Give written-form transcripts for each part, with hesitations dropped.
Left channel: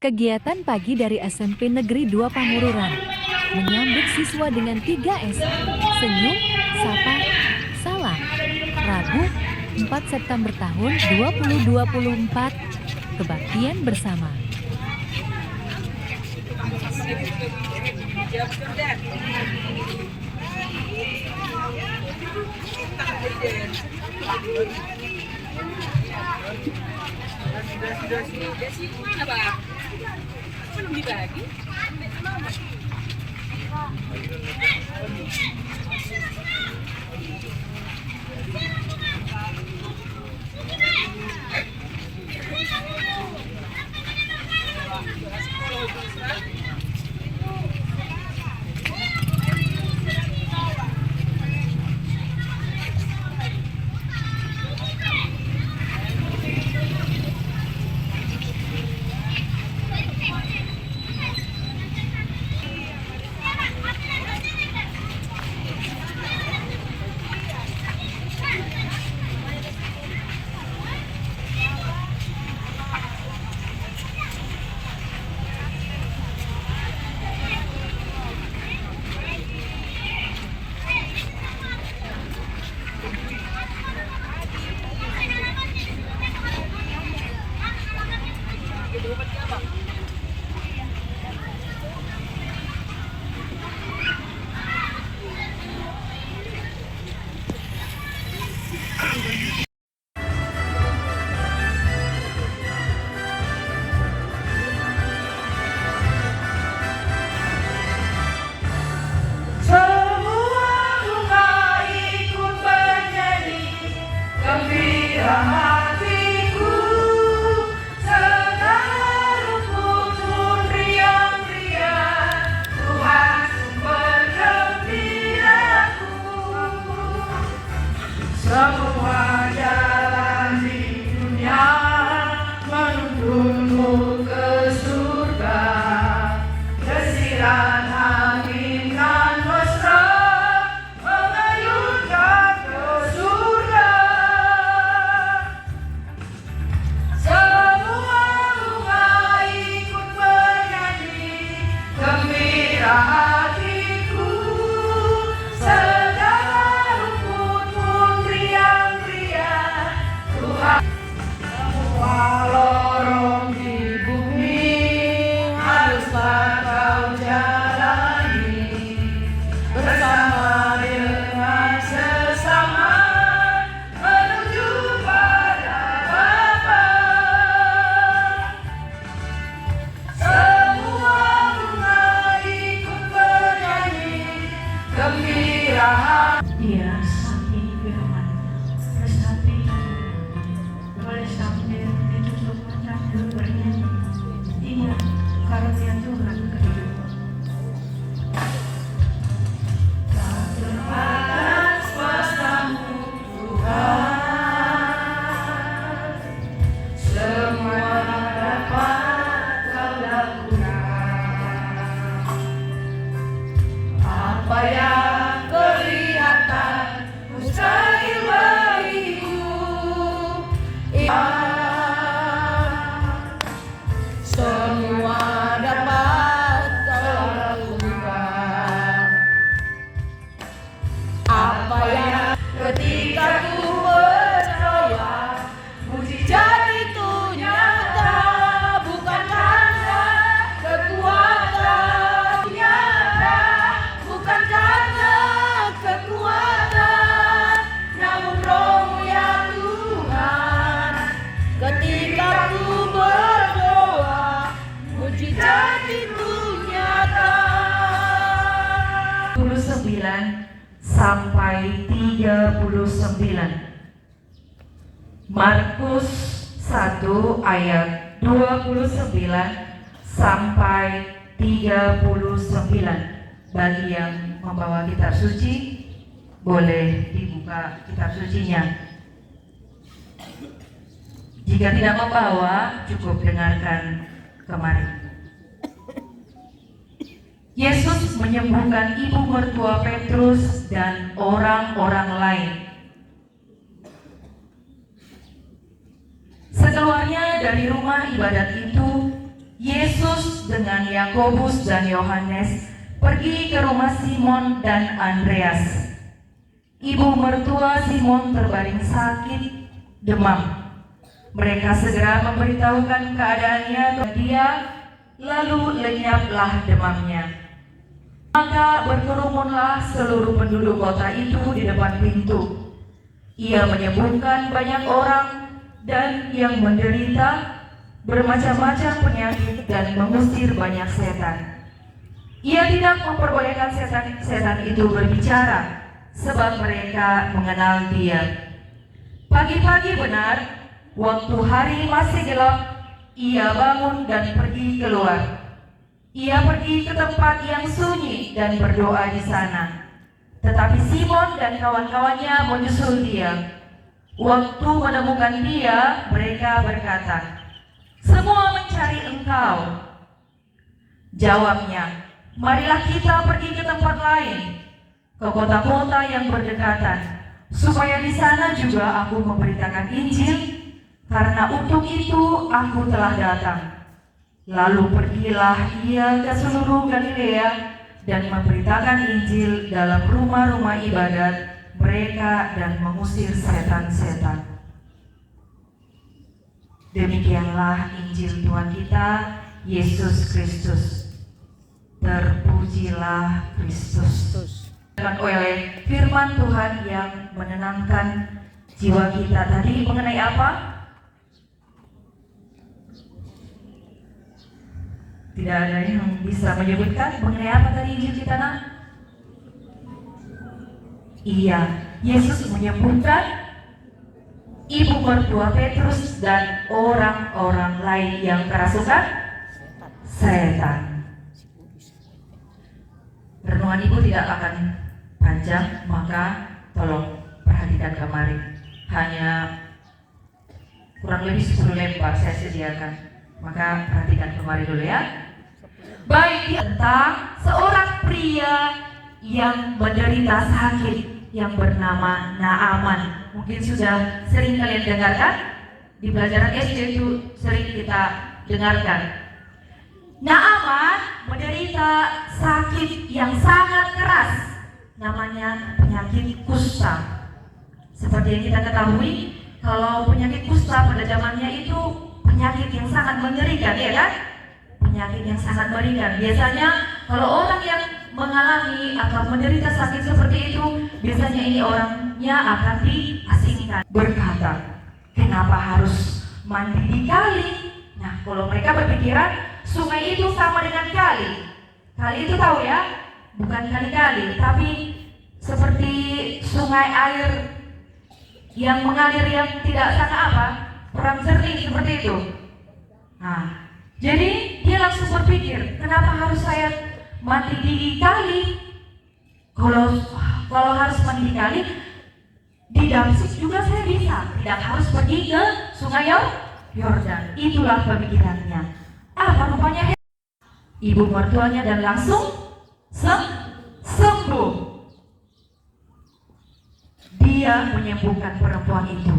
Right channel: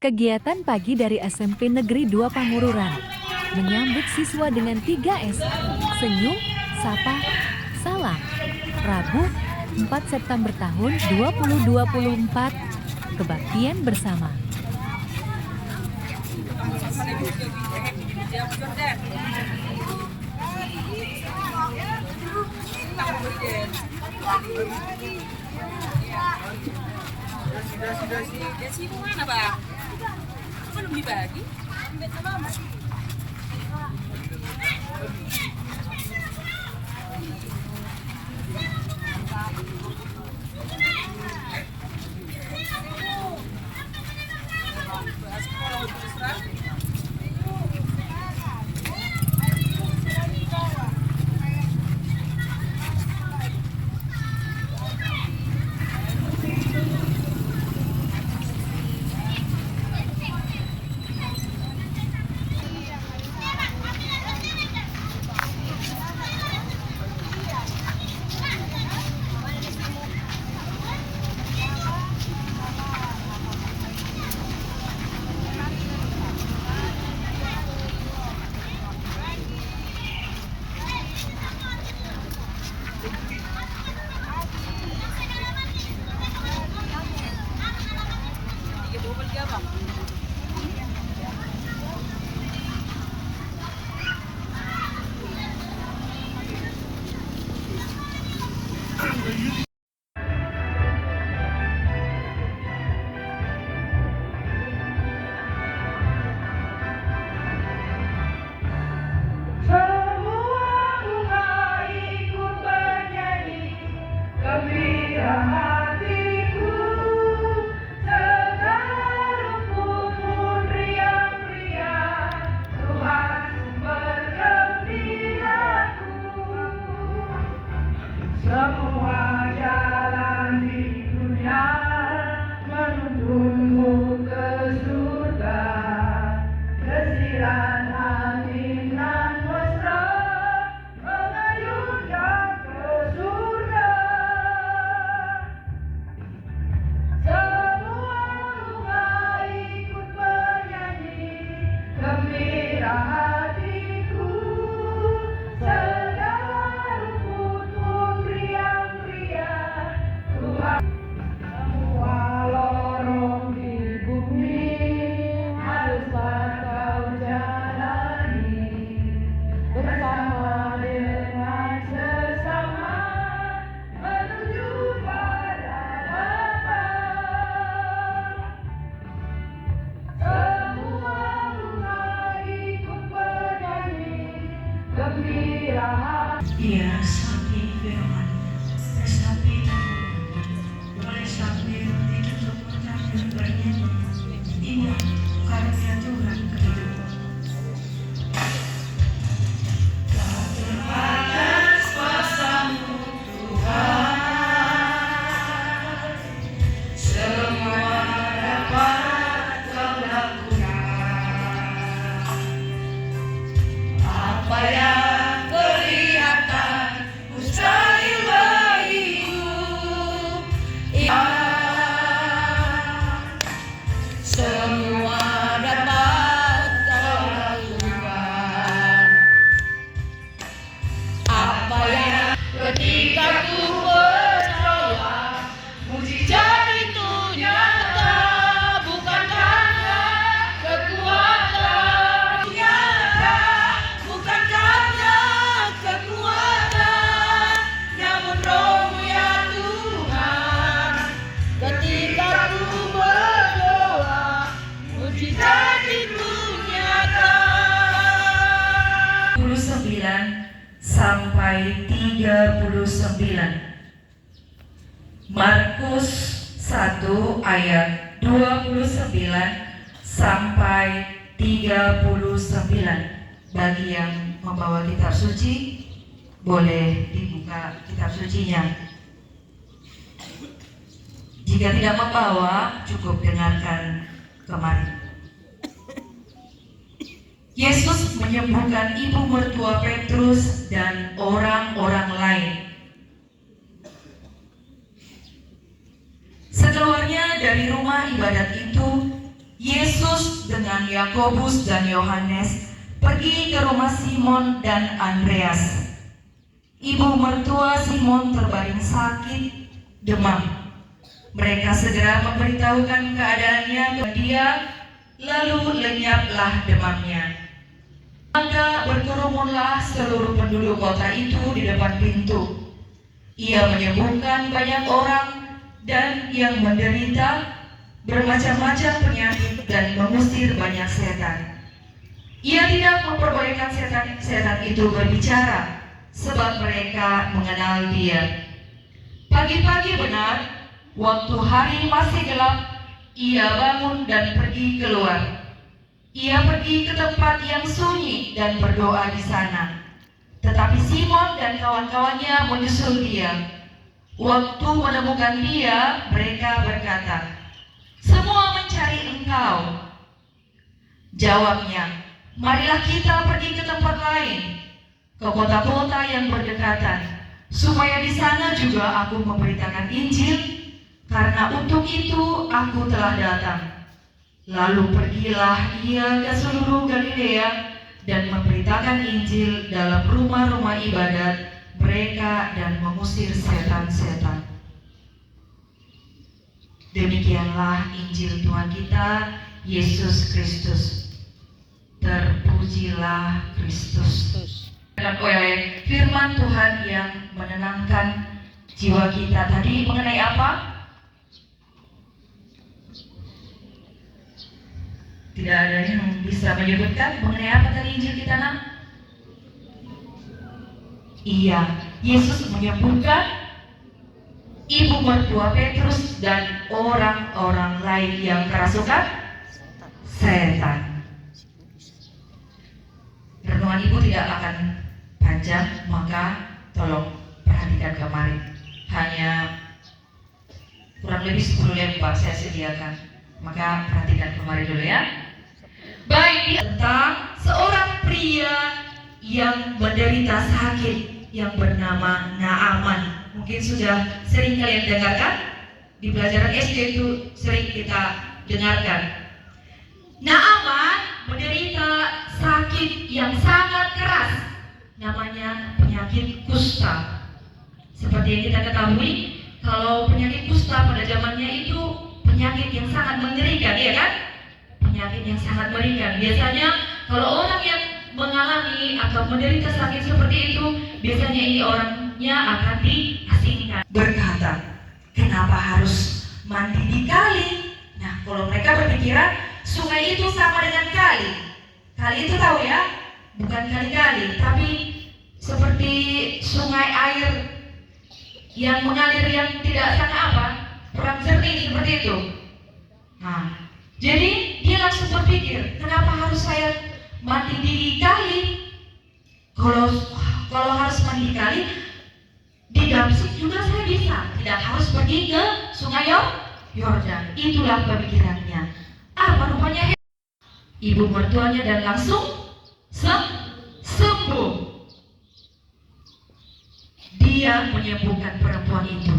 Kegiatan pagi dari SMP Negeri 2 Pangururan menyambut siswa dengan 3S, senyum, sapa, salam. Rabu, 4 September tahun 2024, kebaktian bersama. Desi mana, Bang? Belum dibagi. Semua jalan di dunia menuntunmu ke surga. Desiran angin dan mesra mengayunkan ke surga. Semua bunga ikut bernyanyi, gembira hatiku. Iya, sapi firman, sapi boleh sapi ditutup mata bernyanyi. Ini karunia Tuhan kehidupan. Tak terbatas kuasa-Mu Tuhan, semua dapat Kau lakukan. Apa yang sampai 39. Markus 1 ayat 29 sampai 39. Bagi yang membawa kitab suci, boleh dibuka kitab sucinya. Jika tidak membawa, cukup dengarkan kemarin. Yesus menyembuhkan ibu mertua Petrus dan orang-orang lain. Sekeluarnya dari rumah ibadat itu, Yesus dengan Yakobus dan Yohanes pergi ke rumah Simon dan Andreas. Ibu mertua Simon terbaring sakit, demam. Mereka segera memberitahukan keadaannya kepada dia, lalu lenyaplah demamnya. Maka berkerumunlah seluruh penduduk kota itu di depan pintu. Ia menyembuhkan banyak orang dan yang menderita bermacam-macam penyakit dan mengusir banyak setan. Ia tidak memperbolehkan setan itu berbicara, sebab mereka mengenal dia. Pagi-pagi benar, waktu hari masih gelap, ia bangun dan pergi keluar. Ia pergi ke tempat yang sunyi dan berdoa di sana. Tetapi Simon dan kawan-kawannya menyusul dia. Waktu menemukan dia, mereka berkata, "Semua mencari engkau." Jawabnya, "Marilah kita pergi ke tempat lain, ke kota-kota yang berdekatan, supaya di sana juga aku memberitakan Injil, karena untuk itu aku telah datang." Lalu pergilah ia ke seluruh Galilea dan memberitakan Injil dalam rumah-rumah ibadat mereka dan mengusir setan-setan. Demikianlah Injil Tuhan kita, Yesus Kristus. Terpujilah Kristus. Dan oleh firman Tuhan yang menenangkan jiwa kita tadi mengenai apa? Tidak ada yang bisa menyebutkan mengenai apa tadi Injil kita, nak? Iya, Yesus menyembuhkan ibu mertua Petrus dan orang-orang lain yang kerasukan setan. Renungan ibu tidak akan panjang, maka tolong perhatikan kemarin. Hanya kurang lebih 10 lembar saya sediakan, maka perhatikan kemarin dulu ya. Baik, tentang seorang pria yang menderita sakit yang bernama Naaman. Mungkin sudah sering kalian dengarkan, di pelajaran SD itu sering kita dengarkan. Naaman menderita sakit yang sangat keras, namanya penyakit kusta. Seperti yang kita ketahui, kalau penyakit kusta pada zamannya itu penyakit yang sangat mengerikan, ya kan? Penyakit yang sangat mengerikan. Biasanya kalau orang yang mengalami atau menderita sakit seperti itu, biasanya ini orangnya akan diasingkan. Berkata, kenapa harus mandi di kali? Nah, kalau mereka berpikiran sungai itu sama dengan kali. Kali itu tahu ya, bukan kali-kali, tapi seperti sungai air yang mengalir yang tidak sangat apa, kurang jernih seperti itu. Nah, jadi dia langsung berpikir, kenapa harus saya mandi di kali? Kalau harus mandi di kali, di Damsik juga saya bisa, tidak harus pergi ke sungai Yordan. Itulah pemikirannya. Apa rupanya? Ibu mertuanya dan langsung sembuh. Dia menyembuhkan perempuan itu.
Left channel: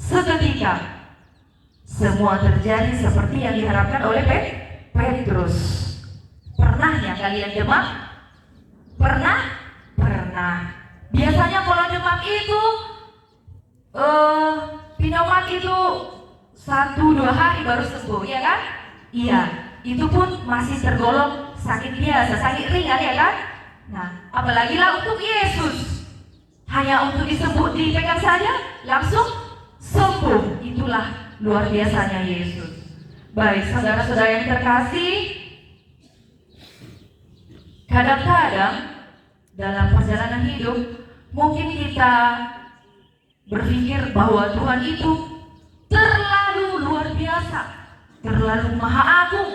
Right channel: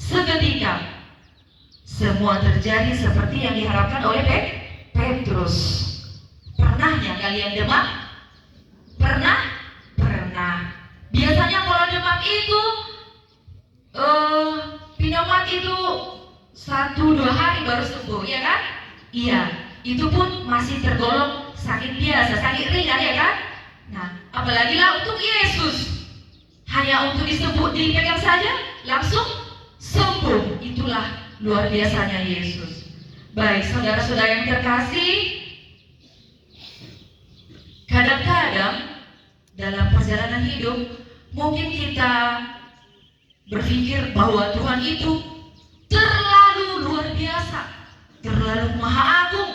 Seketika semua terjadi seperti yang diharapkan oleh Petrus. Pernahnya kalian demam? Pernah? Biasanya kalau demam itu pneumat itu 1-2 hari baru sembuh, ya kan? Iya, itu pun masih tergolong sakit biasa, sakit ringan, ya kan? Nah, apalagi lah untuk Yesus, hanya untuk dipegang saja langsung sembuh. Itulah luar biasanya Yesus. Baik, saudara-saudara yang terkasih, kadang-kadang dalam perjalanan hidup mungkin kita berpikir bahwa Tuhan itu terlalu luar biasa, terlalu maha agung,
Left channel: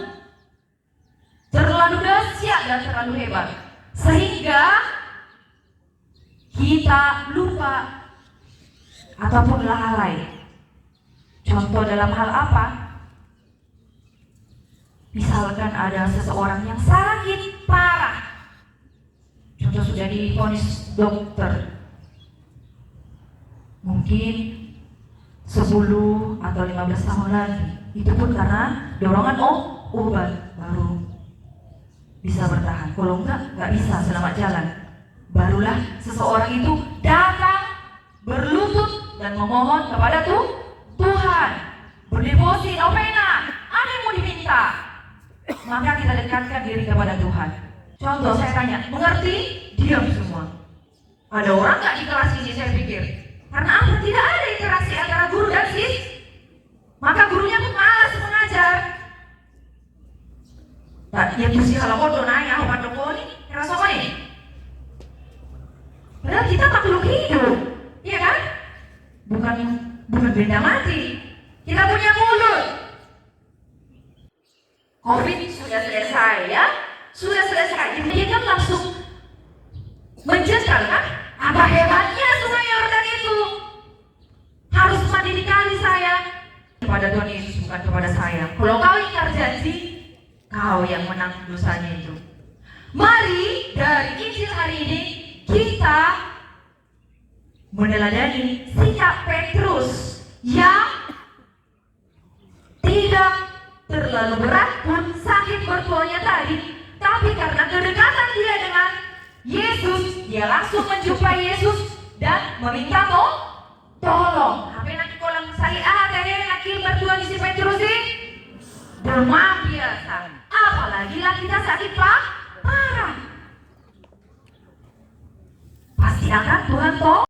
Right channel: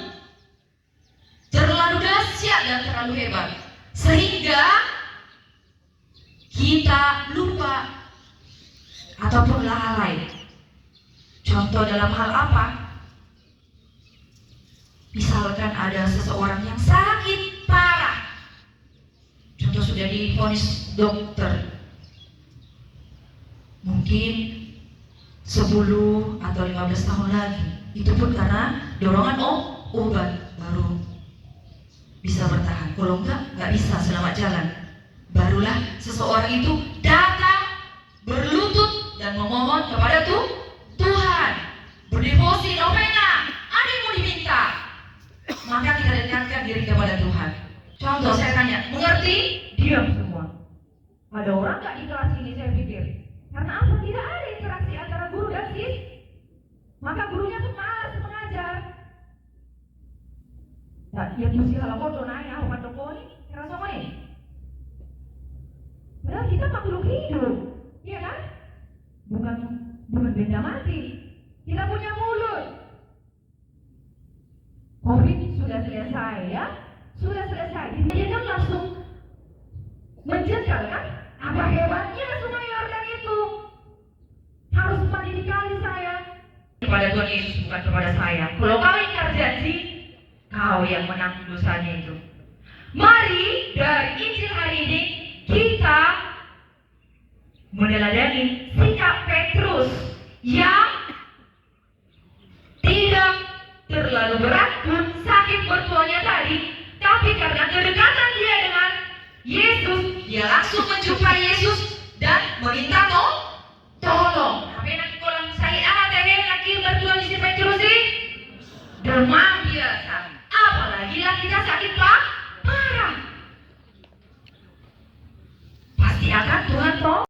terlalu dahsyat dan terlalu hebat, sehingga kita lupa ataupun lalai. Contoh dalam hal apa? Misalkan ada seseorang yang sakit parah, contoh sudah divonis dokter, mungkin 10 atau 15 tahun lagi, itu pun karena dorongan obat baru bisa bertahan. Kalau nggak bisa selamat jalan. Barulah seseorang itu datang berlutut dan memohon kepada Tuhan, berdevosi, novena, ada yang mau diminta, maka kita dekatkan diri kepada Tuhan. Contoh saya tanya, mengerti? Diam semua. Ada orang nggak di kelas ini, saya pikir karena apa? Tidak ada interaksi antara guru dan maka gurunya pun malas mengajar. Nah, yang mesti kalau kodo nanya, apa doko ini? Rasa ini? Padahal kita makhluk hidup, iya kan? Bukan benda mati. Kita punya mulut. Covid sudah selesai ya, sudah selesai. Dia kan langsung menjengkel kan? Apa hebatnya Sungai Yordan itu? Harus mandi di kali saya. Kepada Tuhan Yesus, bukan kepada saya. Kalau kau ingkar janji, kau yang menanggung dosanya itu. Mari dari Injil hari ini kita meneladani sikap Petrus yang tidak terlalu berat pun sakit mertuanya tadi, tapi karena kedekatan dia dengan Yesus, dia langsung menjumpai Yesus dan meminta tolong. Apa yang nanti kolam saya dari laki mertua di si Petrus ini demam biasa, apalagi lakinya sakit parah. Pasti akan Tuhan toh.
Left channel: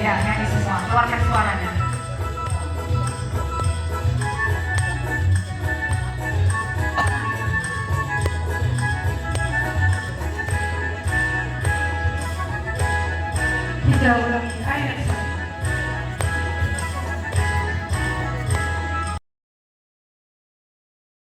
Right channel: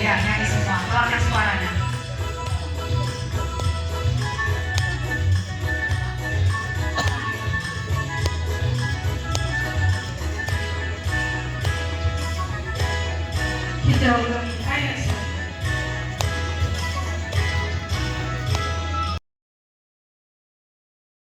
Ya, nyanyi semua, keluarkan suaranya. Tidak.